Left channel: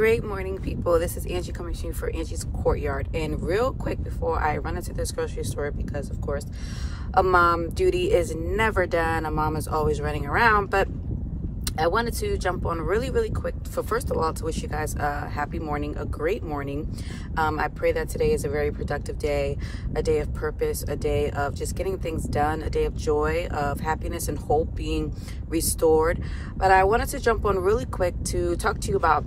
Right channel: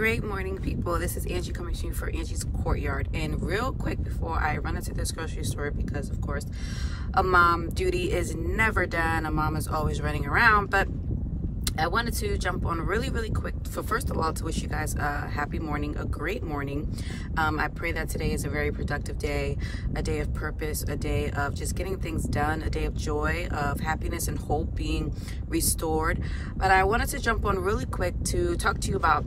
Great morning, people. This is Angie coming to you for Angie's Courtyard. And real quick before I run into this grocery store, because of course a mom duty is never done, a mom is always running around, but I wanted to jump on really quick. So first of all, to wish you guys a happy morning, a great morning. I pray that today is a very productive day, a day of purpose, a day of just getting things done, a day of joy, of happiness and hope being restored. But I wanted to jump on really quick to talk to you about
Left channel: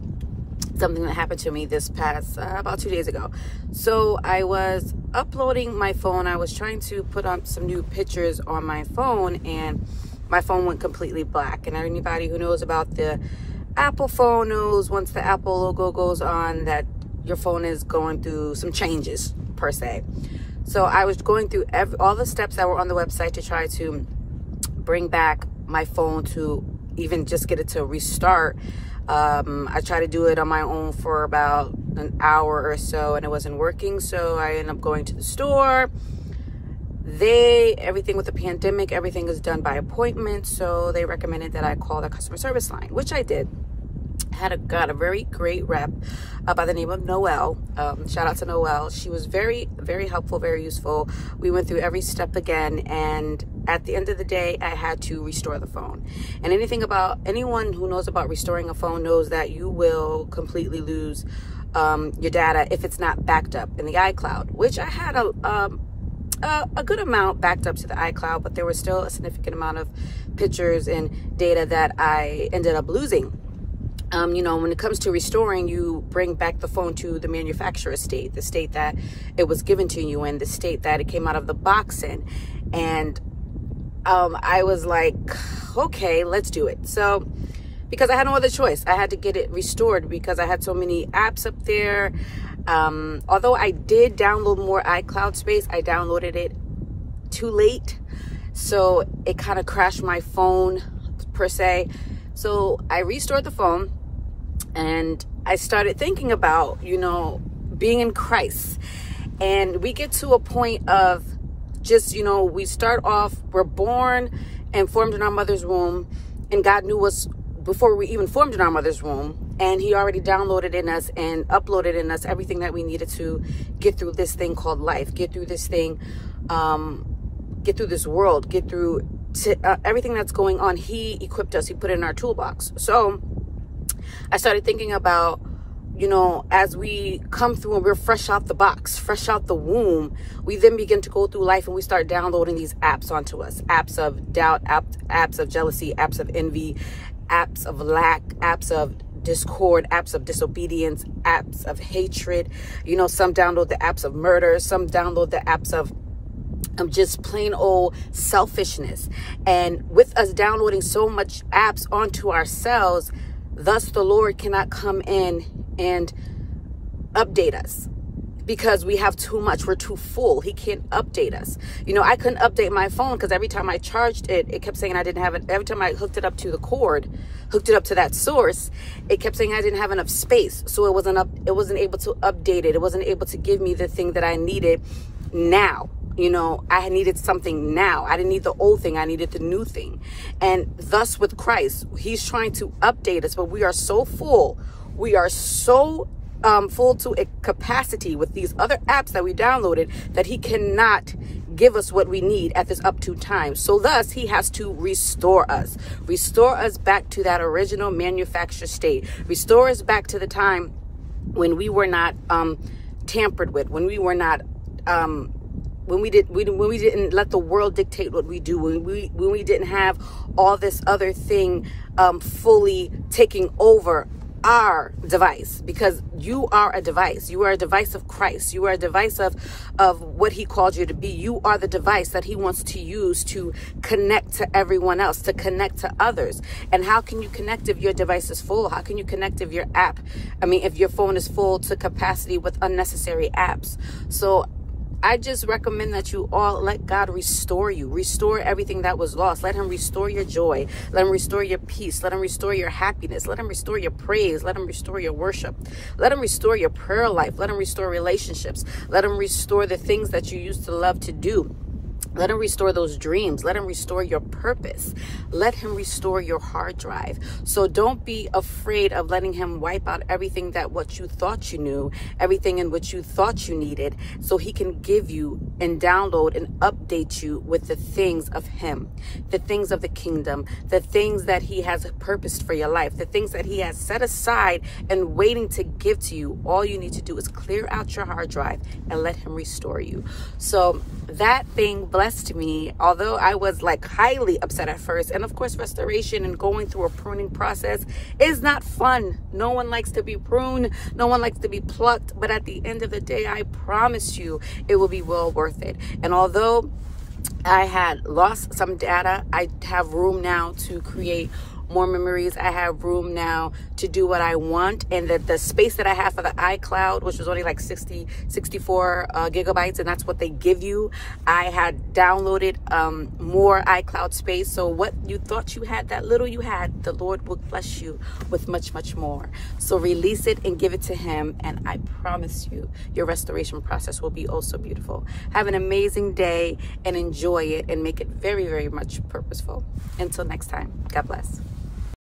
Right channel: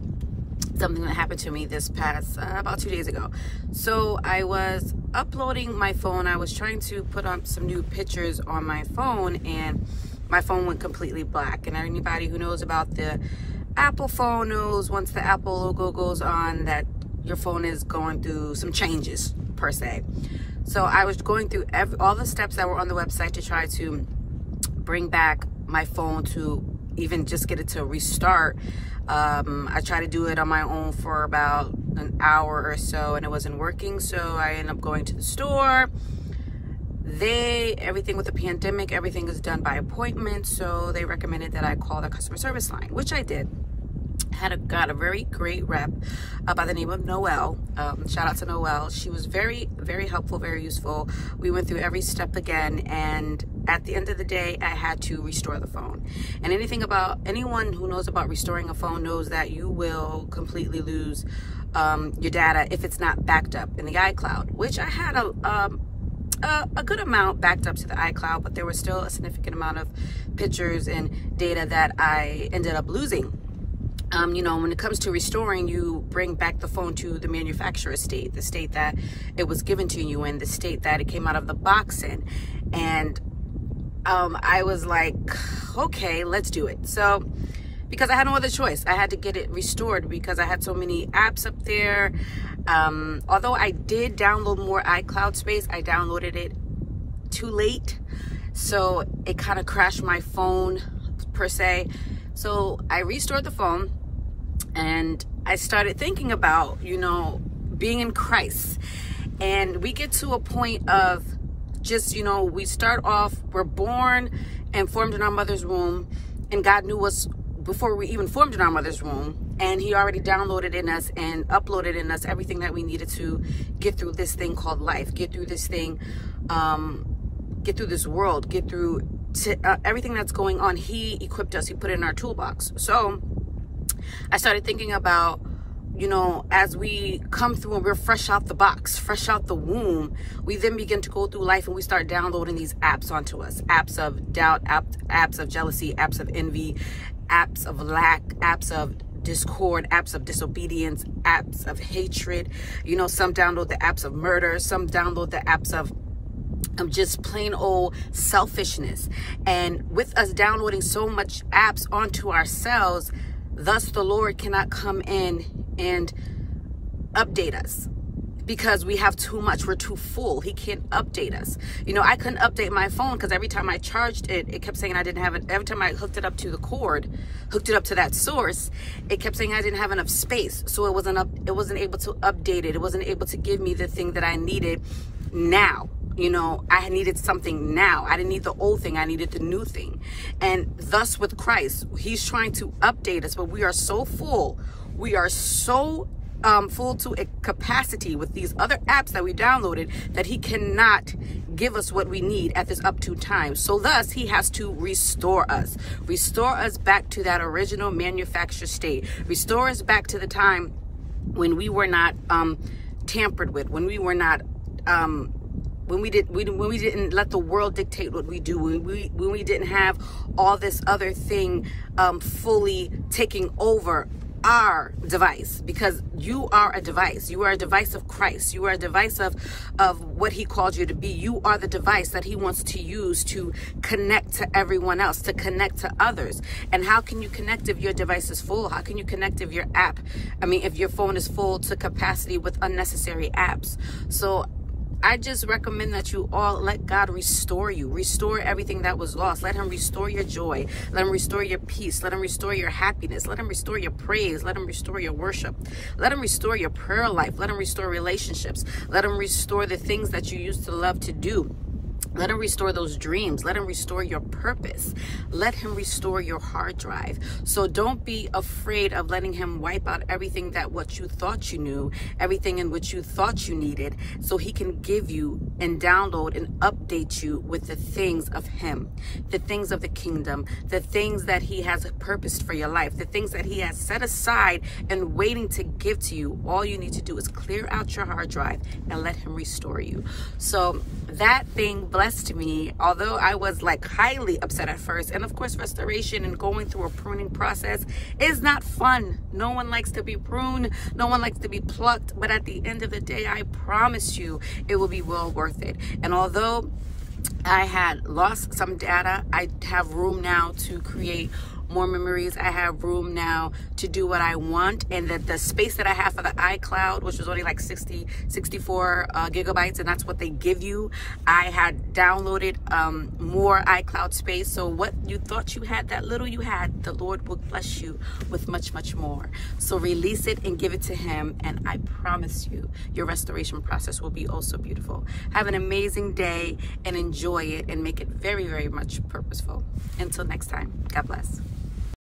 something that happened to me this past about 2 days ago. So I was uploading my phone. I was trying to put on some new pictures on my phone, and my phone went completely black. And anybody who knows about the Apple phone knows once the Apple logo goes on that your phone is going through some changes per se. So I was going through all the steps that were on the website to try to bring back my phone to even just get it to restart. I tried to do it on my own for about an hour or so and it wasn't working. So I ended up going to the store. Everything with the pandemic, everything is done by appointment. So they recommended that I call the customer service line, which I did. Got a very great rep by the name of Noelle. Shout out to Noelle. She was very helpful, very useful. We went through every step again, and at the end of the day, I had to restore the phone. And anyone who knows about restoring a phone knows that you will completely lose your data if it's not backed up in the iCloud, which I had a good amount backed up to the iCloud, but there was still a significant amount of pictures and data that I ended up losing. You know, when it comes to restoring, you bring back the phone to the manufacturer state, the state that it was given to you in, the state that it came out of the box in. And I was like, okay, let's do it. So, because I had no other choice, I had to get it restored because I had so many apps up there. Although I did download more iCloud space, I downloaded it too late. So it kind of crashed my phone per se. So I restored the phone. And I started thinking about, you know, being in Christ. And we get to a point of just, you know, we start off, we're born and formed in our mother's womb. And God knew us before we even formed in our mother's womb. And he already downloaded in us and uploaded in us everything that we needed to get through this thing called life, get through this thing, get through this world, get through everything that's going on. He equipped us, he put it in our toolbox. So I started thinking about, you know, as we come through and we're fresh out the box, fresh out the womb, we then begin to go through life and we start downloading these apps onto us. Apps of doubt, apps of jealousy, apps of envy, apps of lack, apps of discord, apps of disobedience, apps of hatred. You know, some download the apps of murder, some download the apps of just plain old selfishness. And with us downloading so much apps onto ourselves, thus the Lord cannot come in and update us because we have too much. We're too full. He can't update us. You know, I couldn't update my phone because every time I charged it, it kept saying I didn't have it. Every time I hooked it up to the cord, hooked it up to that source, it kept saying I didn't have enough space. So it wasn't able to update it. It wasn't able to give me the thing that I needed now. You know, I needed something now. I didn't need the old thing. I needed the new thing. And thus with Christ, he's trying to update us, but we are so full. We are so full to a capacity with these other apps that we downloaded that he cannot give us what we need at this up to time. So thus he has to restore us back to that original manufactured state, restore us back to the time when we were not tampered with, when we were not when we didn't let the world dictate what we do, when we didn't have all this other thing fully taking over our device, because you are a device. You are a device of Christ. You are a device of what he called you to be. You are the device that he wants to use to connect to everyone else, to connect to others. And how can you connect if your device is full? How can you connect if if your phone is full to capacity with unnecessary apps? So I just recommend that you all let God restore you. Restore everything that was lost. Let him restore your joy. Let him restore your peace. Let him restore your happiness. Let him restore your praise. Let him restore your worship. Let him restore your prayer life. Let him restore relationships. Let him restore the things that you used to love to do. Let him restore those dreams. Let him restore your purpose. Let him restore your hard drive. So don't be afraid of letting him wipe out everything that what you thought you knew, everything in which you thought you needed, so he can give you and download and update you with the things of him, the things of the kingdom, the things that he has purposed for your life, the things that he has set aside and waiting to give to you. All you need to do is clear out your hard drive and let him restore you. So that thing blessed me, although I was like highly upset at first. And of course, restoration and going through a pruning process is not fun. No one likes to be pruned. No one likes to be plucked. But at the end of the day, I promise you, it will be well worth it. And although I had lost some data, I have room now to create more memories. I have room now to do what I want, and the space that I have for the iCloud, which was only like 64 gigabytes, and that's what they give you. I had downloaded more iCloud space. So what you thought you had, that little you had, the Lord will bless you with much, much more. So release it and give it to him, and I promise you, your restoration process will be also beautiful. Have an amazing day and enjoy it, and make it very, very much purposeful. Until next time, God bless.